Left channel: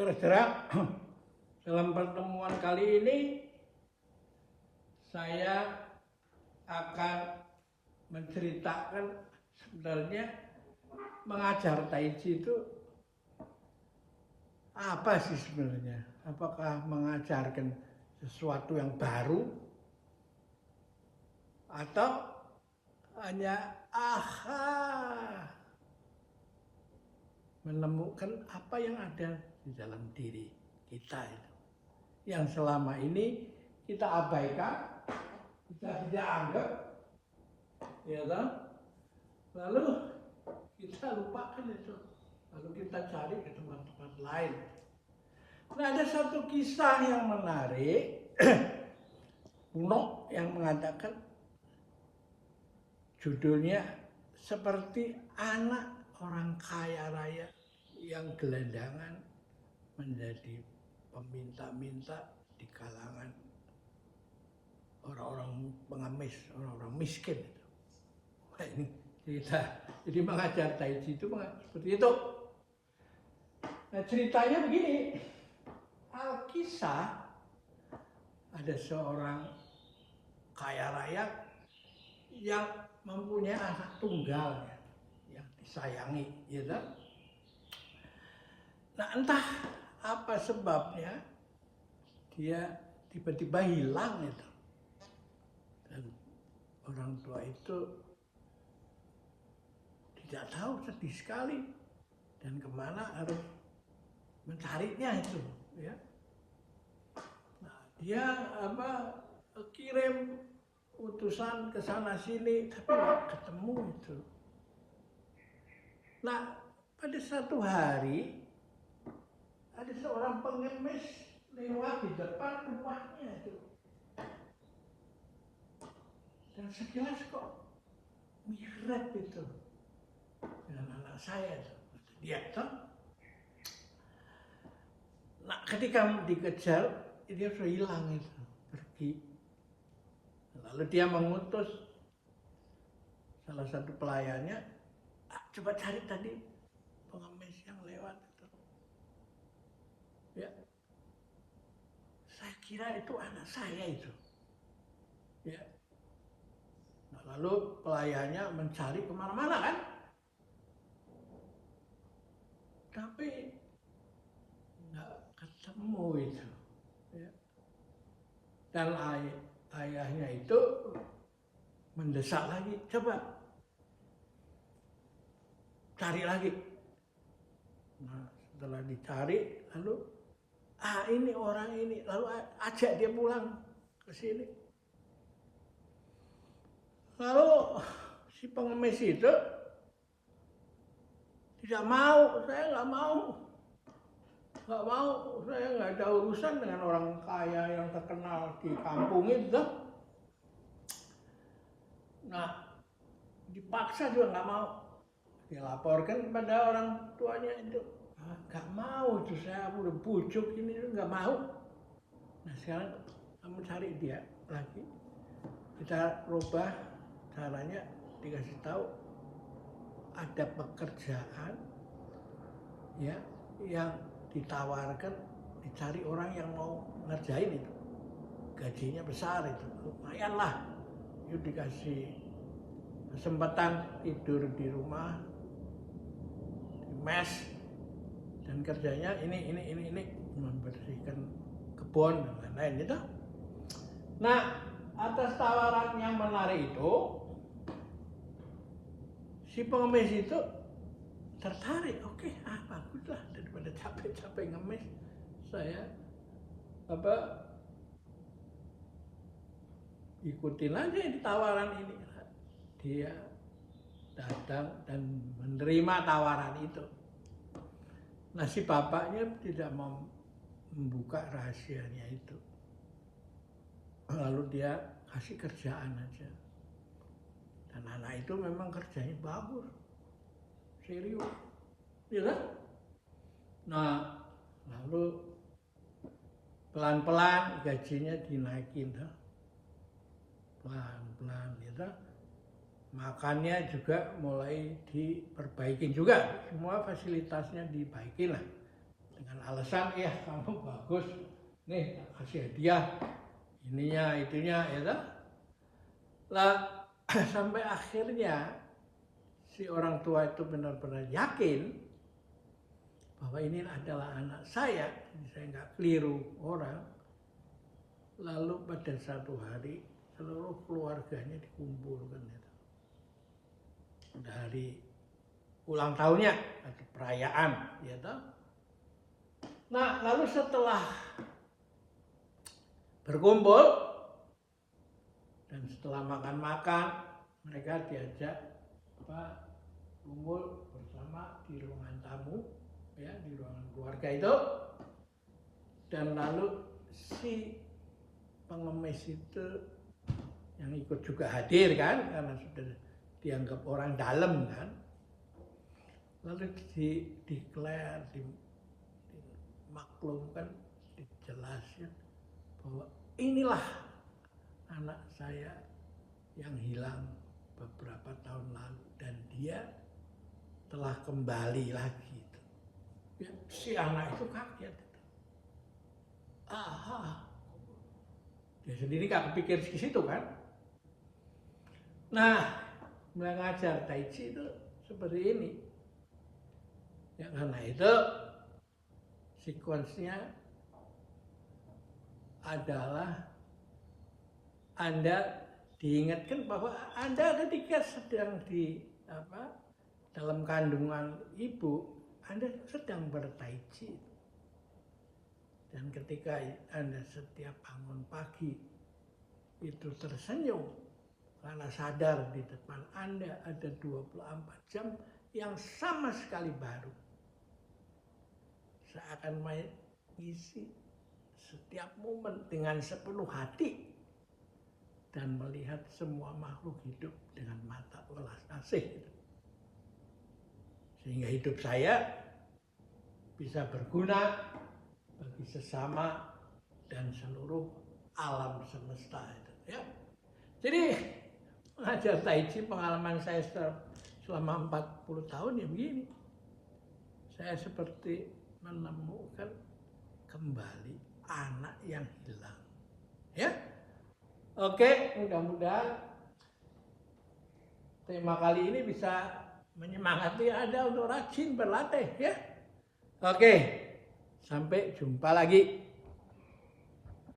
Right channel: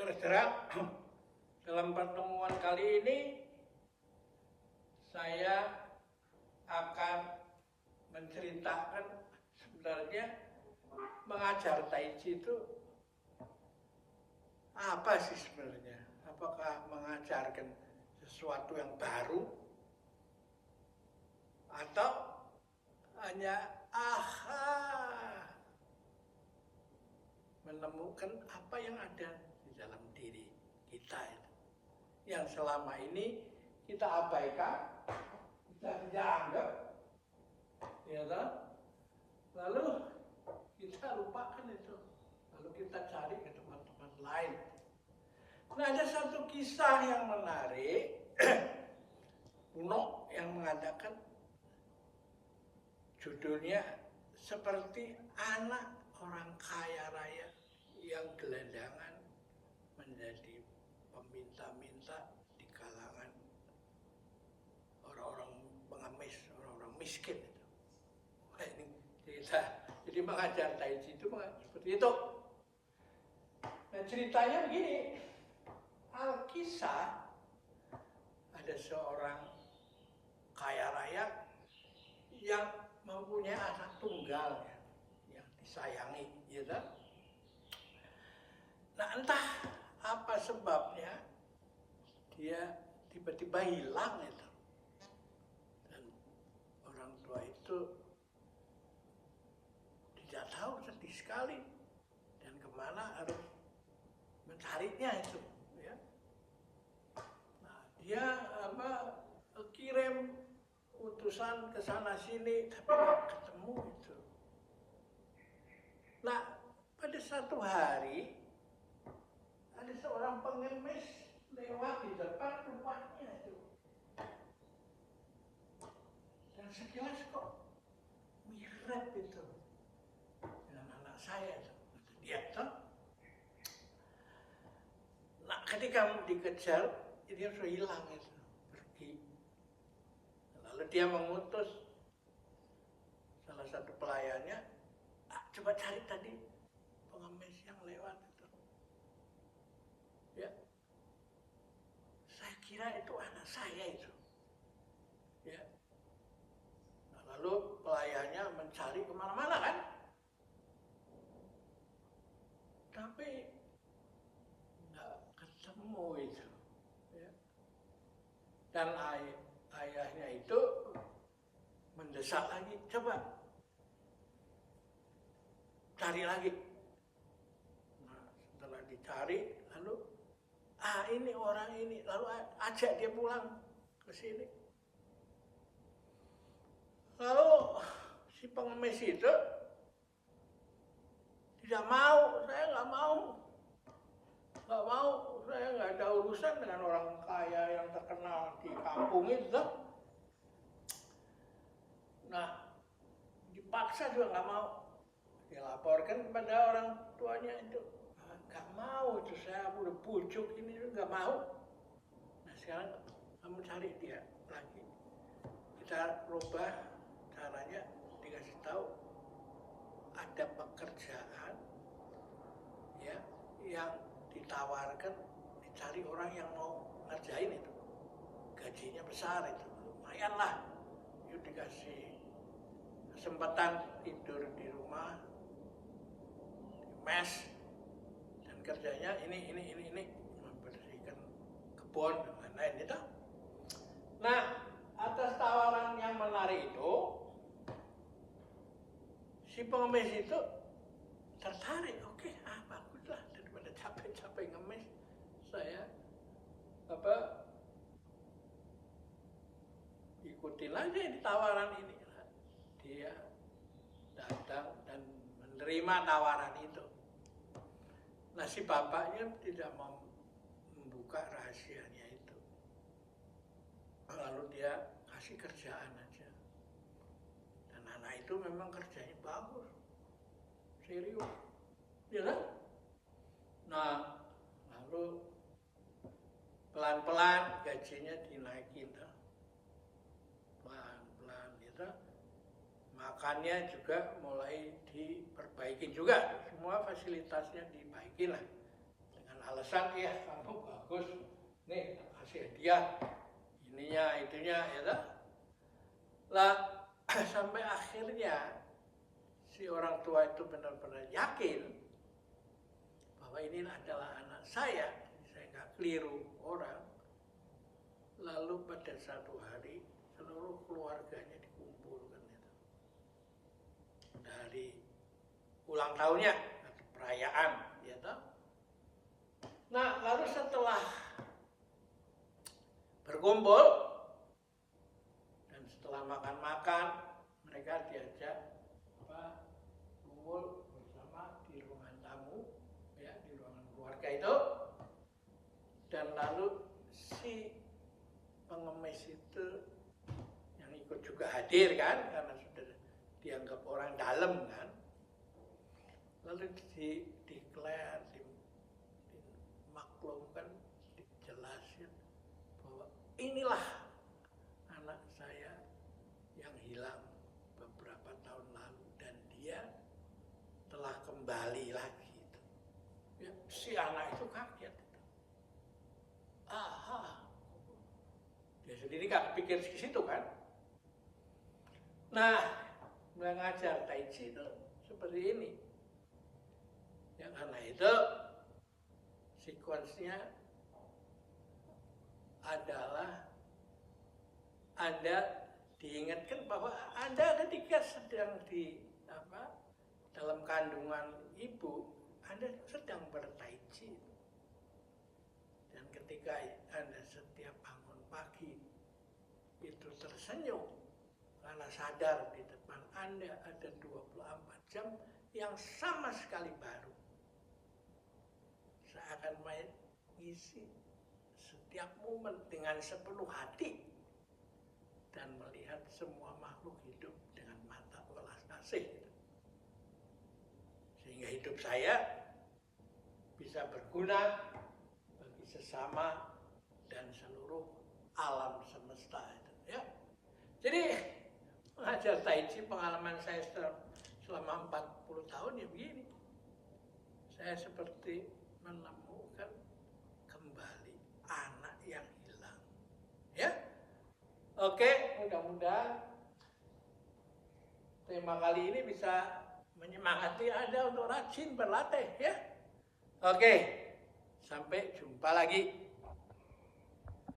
Saudara, dalam pertemuan kali ini saya akan menceritakan sebenarnya mengajar Tai Chi itu apa sih sebenarnya? Apakah mengajarkan sesuatu yang baru atau hanya menemukan apa yang ada di dalam diri kita itu, yang selama ini kita abaikan, kita tidak anggap, ya kan? Lalu kita lupakan itu, lalu kita cari ke tempat-tempat lain. Nah, ada satu kisah yang menarik kuno yang mengatakan judulnya seperti anak orang kaya raya yang gelandangan menjadi peminta-minta di kalangan orang-orang pengemis, orang-orang miskin itu. Nah, ini cerita. Jadi mengajar Tai Chi itu seperti itu. Nah, ceritanya begini. Alkisah ada seorang kaya raya yang mempunyai anak tunggal yang disayangi, ya kan? Nah, entah apa sebabnya dia tiba-tiba hilang itu. Dan orang tua itu tidak tahu, sedih sekali, dan kemana harus mencarinya itu, ya. Nah, dia kirim utusan ke sana sini tapi nggak ketemu itu. Nah, pada satu hari ada seorang pengemis lewat di depan rumahnya itu. Dan sekilas kok mirip itu dengan anak saya itu, kata dia tuh. Nah, ketika dikejar, dia sudah hilang itu, pergi. Lalu dia mengutus salah satu pelayannya, coba cari tadi pengemis yang lewat itu. Ya, saya kira itu anak saya itu. Ya. Nah, lalu pelayannya mencari kemana-mana kan, tapi nggak ketemu itu. Ya. Dan ayahnya itu mendesak lagi, coba cari lagi. Nah, setelah dicari, lalu ini orang ini, lalu ajak dia pulang ke sini. Lalu si pengemis itu tidak mau, saya nggak mau, saya nggak ada urusan dengan orang kaya yang terkenal di kampung itu. Nah, dipaksa juga nggak mau. Dilaporkan pada orang tuanya itu, nggak mau itu, saya udah bujuk ini nggak mau. Nah, sekarang kamu cari dia lagi, kita rubah caranya, dikasih tahu ada pekerjaan ya yang ditawarkan, dicari orang yang mau ngerjain itu, gajinya besar itu, lumayan lah. Yuk, dikasih kesempatan tidur di rumah, di mes, dan kerjanya ini membersihkan kebun dan lain-lain itu. Nah, atas tawaran yang menarik itu, si pengemis itu tertarik. Oke, baguslah, daripada capek-capek ngemis, saya ikutin aja ini tawaran ini. Dia datang dan menerima tawaran itu. Nah, si bapaknya tidak mau membuka rahasianya itu. Lalu dia kasih kerjaan aja. Dan anak itu memang kerjanya bagus, serius, ya kan? Nah, lalu pelan-pelan gajinya dinaikin, pelan-pelan, gitu. Makannya juga mulai diperbaikin juga, semua fasilitasnya dibaikin lah dengan alasan ya kamu bagus nih tak kasih hadiah ininya itunya ya toh. Lah sampai akhirnya si orang tua itu benar-benar yakin bahwa ini adalah anak saya, jadi saya nggak keliru orang. Lalu pada satu hari seluruh keluarganya dikumpulkan itu. Dari ulang tahunnya atau perayaan, ya toh. Nah, lalu setelah berkumpul dan setelah makan-makan, mereka diajak kumpul bersama di ruangan tamu, ya di ruangan keluarga itu. Dan lalu si pengemis itu yang ikut juga hadir kan, karena sudah dianggap orang dalam kan. Lalu diklaim, dimaklumkan, dijelaskan bahwa inilah anak saya yang hilang beberapa tahun lalu dan dia telah kembali lagi. Ya, si anak itu kaget. Aha, dia sendiri gak kepikir ke situ kan. Nah, mengajar Tai Chi itu seperti ini. Ya, karena itu sekuensnya adalah Anda diingatkan bahwa Anda ketika sedang dalam kandungan ibu, Anda sedang bertai chi. Dan ketika Anda setiap bangun pagi itu tersenyum karena sadar di depan Anda ada 24 jam yang sama sekali baru. Seakan mengisi setiap momen dengan sepenuh hati dan melihat semua makhluk hidup dengan mata welas asih. Sehingga hidup saya bisa berguna bagi sesama dan seluruh alam semesta itu, ya. Jadi mengajar Tai Chi, pengalaman saya selama 40 tahun ya begini. Saya seperti menemukan kembali anak yang hilang. Ya. Oke, mudah-mudahan tema kali ini bisa menyemangati Anda untuk rajin berlatih ya. Oke, sampai jumpa lagi.